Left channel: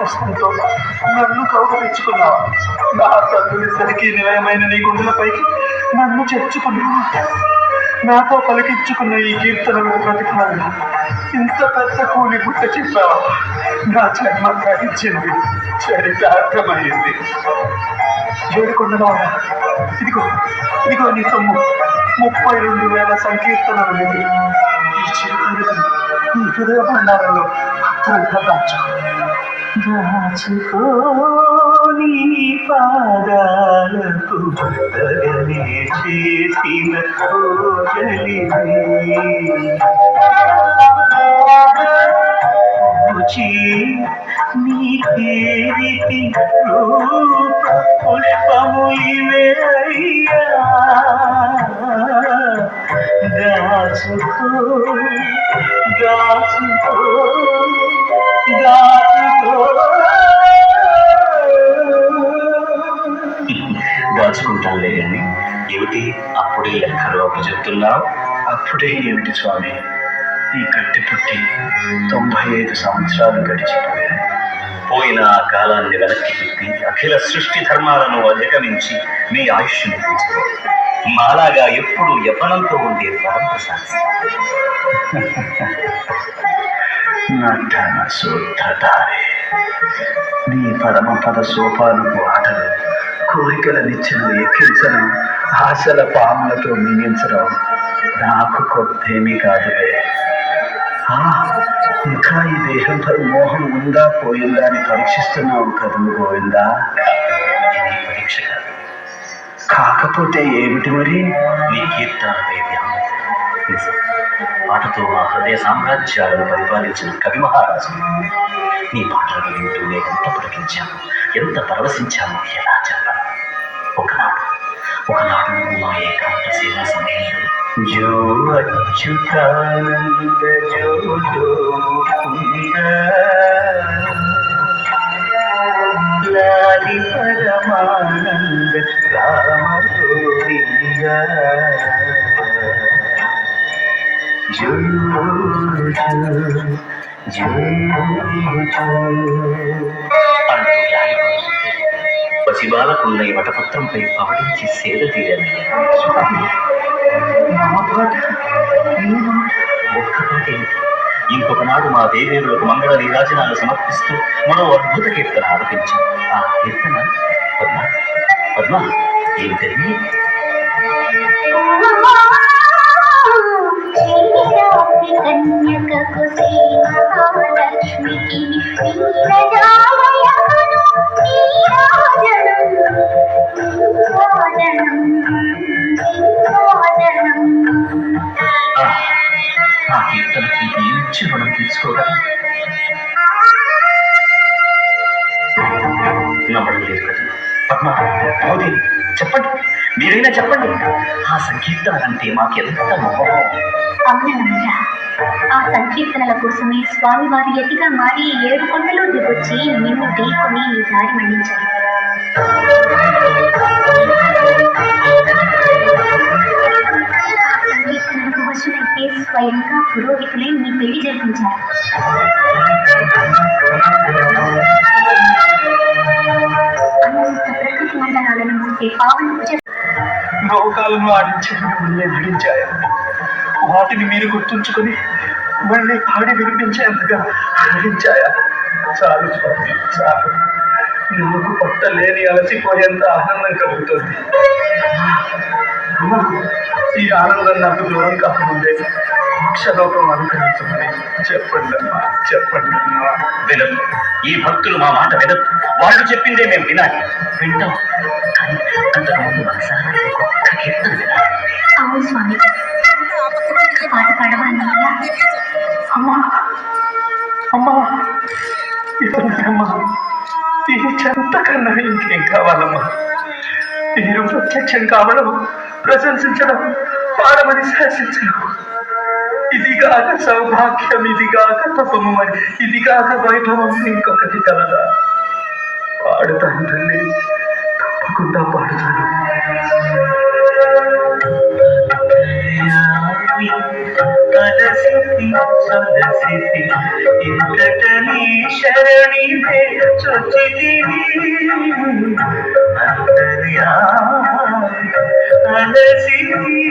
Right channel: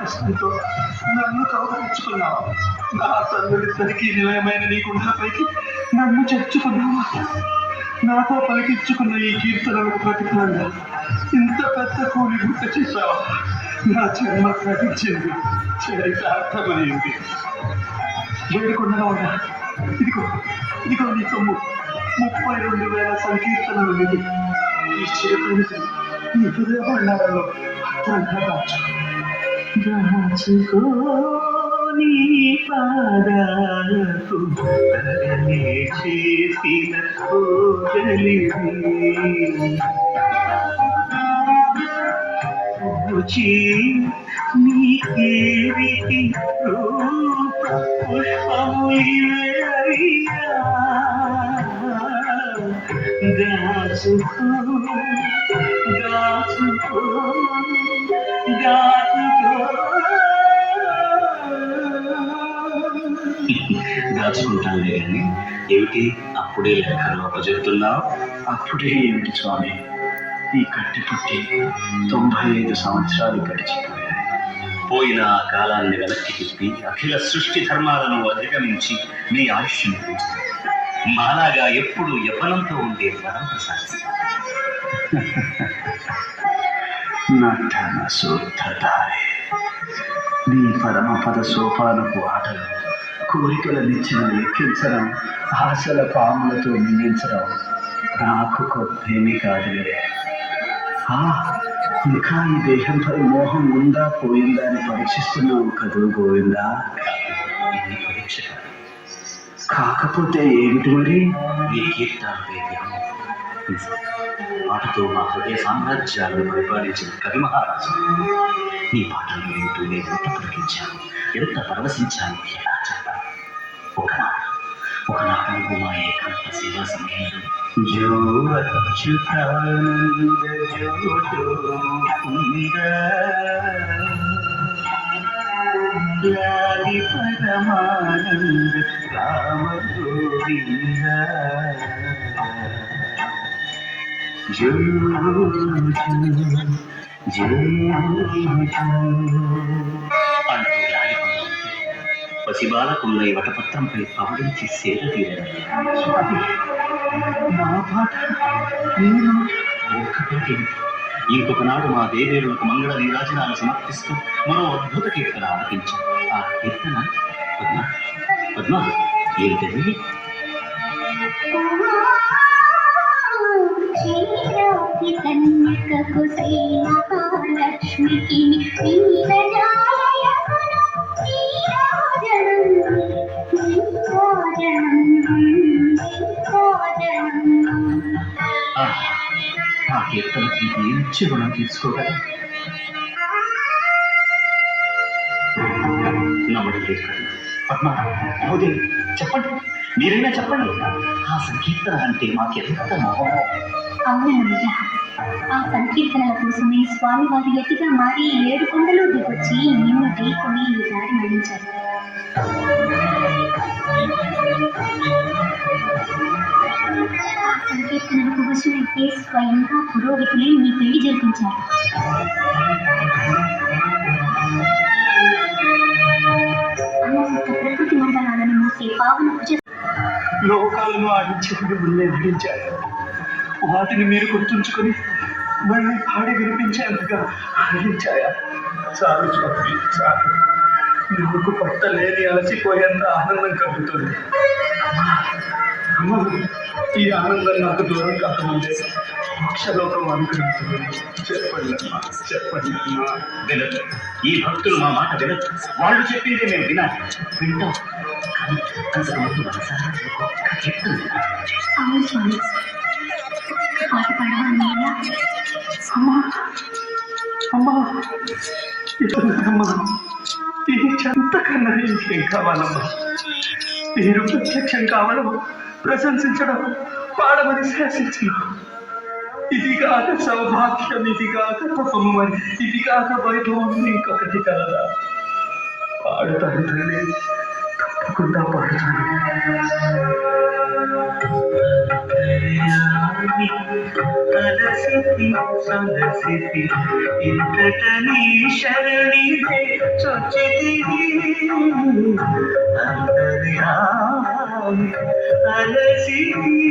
కష్టంతో నన్ను కౌగలించుకున్నావా? నా తల్లులిద్దరికీ నిలయమైన నీ గుండెలపైకి నన్ను చేర్చుకున్నావా? నాతో పలికించుకున్న ఈ కీర్తనలకు ప్రతిఫలంగా ఇంత పెద్ద కూలి ముట్ట చెప్పావా? నా జన్మ సాగించింది, చరితార్థమైంది. ఏడుకొండలవాడా, ఇదిగో ఇదిగో నీ సొమ్ము 32,000 సంకీర్తనలు నిధి. ఈ చిరుకవిత నీ హృదయ భండారంలో భద్రంగా దాచుకో. నీ పాదాలకు తగనే చేసిన పూజి నీకేవిటి రూప పుష్పము ఇవే అయ్యా. దాచుకో దాచుకో దాచుకో. దాచుకుంటానులే కానీ ఏమిటి అప్పుడే లెక్కలు అప్పు చెప్తున్నావు? అప్పుడే ఏమిటి స్వామి, ఈ కట్టె పుట్టి 95 సంవత్సరాలు గడిచిపోయాయి. పోయిన ఆ కాలాన్ని వెనక్కి తిప్పి అఖిల సృష్టి ధర్మాలను అధిగమించి మీ ఆయుష్ను పెంచుకో. మాలాగా ఎప్పుడు యవ్వనంతో ఉండే వరం ప్రసాదిస్తాను. నటన శుద్ధధారే నీ పరమపద సోపానపు ఆటలు, కోరికల నిచ్చెనలు ఎక్కించడం, ఆశల పాములతో మింగించడం నాకు కొత్తేమీ కాదులే. ఇంకా ఈ దేహంపై మోహం ఉందా పోయిందా అని పరీక్షిస్తున్నావు కదూ గోవిందా? ఇది పరీక్ష కాదు. కాకపోతే ఏమిటి మరి? నీ కీర్తనపై ధ్యానం. నిజం, పాటతో మా హృదయ సామ్రాజ్యాలను పరిపాలించిన కవి మహారాజు. నీ పాటలను వింటూ నేను ఎంత పులకించాను, ఎంత పరవశించాను ఎలా చెప్పాను. ఒకనాడు నువ్వు మా ఏకాంత సేవా సమయంలో జో అచ్యుతానంద జో ముకుంద లాలి పరమానంద రామ గోవింద జో జో జో అంటూ లాలిపడుతుంటే పసిబాలకున్న ఈ వటపత్రంపై పవడించి సేద తీరానయ్యా. నా పాట ఒక్క పాట ఏమిటి, ఇంకొకనాడు మా దేవేరులకు మంగళ నీరాజనాలు సమర్పిస్తూ మరో అద్భుత కీర్తన ఆలపించాం. ఆ కీర్తన పద్మ పద్మ ఏమిటది? కన్యకకు శ్రీ మహాలక్ష్మికి ఆ కీర్తనకి ఏమిచ్చి రుణం తీసుకోగలం? నమ్మడం లేదు కదా పద్మ. అవుదే, చెప్పండి, మీరైనా చెప్పండి. ఆ సంకీర్తన అంటే మాకెంత మొహం. అవునన్నయ్య, ఆ సంకీర్తనల కోసమే స్వామివారు ఎతిగా మారి 7 కొండలు దిగొచ్చి నిన్ను ఢీకొని ఈ దారి మళ్లించారు. సంకీర్తనలకు వశులైతే స్వయంగా పురోహితులై నీ పెళ్లి జరిపించారు. అనంత ప్రకృతి మండలాలను మూసే పావన పూజ లోకాలను ఆడించే మిమ్మల్ని ఆడించాయా? వాటిని మీరు గుర్తుంచుకొని మళ్ళీ పాడి వినిపించేందుగా ఆడించాయా? చాలు స్వామి, చాలు. నిన్నుకు పట్టలేని అలసిపోయేంత ఆనందం కలుగుతుంది. ఈ ఆనందం నాకు దూరం కాకముందే మోక్షలోకం అనుగ్రహించమని చెప్పండి అమ్మా, చెప్పండి అమ్మా. వినదు, ఈ భక్తులు మా మాట వినదు. వాళ్ళు చెప్పిందే మేము వినాలి. వింటాం, కానీ అంతకుముందు మనసారా ఒక్క కీర్తన వినాలి. అవును స్వామి, పాట పాడవా అన్నయ్య? అమ్మా అమ్మా, అమ్మా, ఈ చెంత కన్నా ఇంకేం కావాలమ్మా? మీరు ప్రత్యక్షం కావడం, ప్రశంసించడం, పాడమని శాసించడం, ఇదిగాక సౌభాగ్యం, ఇదిగాక తపము, మరి ఇదిగాక వైభవం ఇంకొకటి కలదా? పాడుతాను తల్లి, తప్పకుండా పాడుతాను. అలసిపోయి సొలసితి ఇంతట నీ శరణిదే చొచ్చితిని అంతర్యామి అలసితి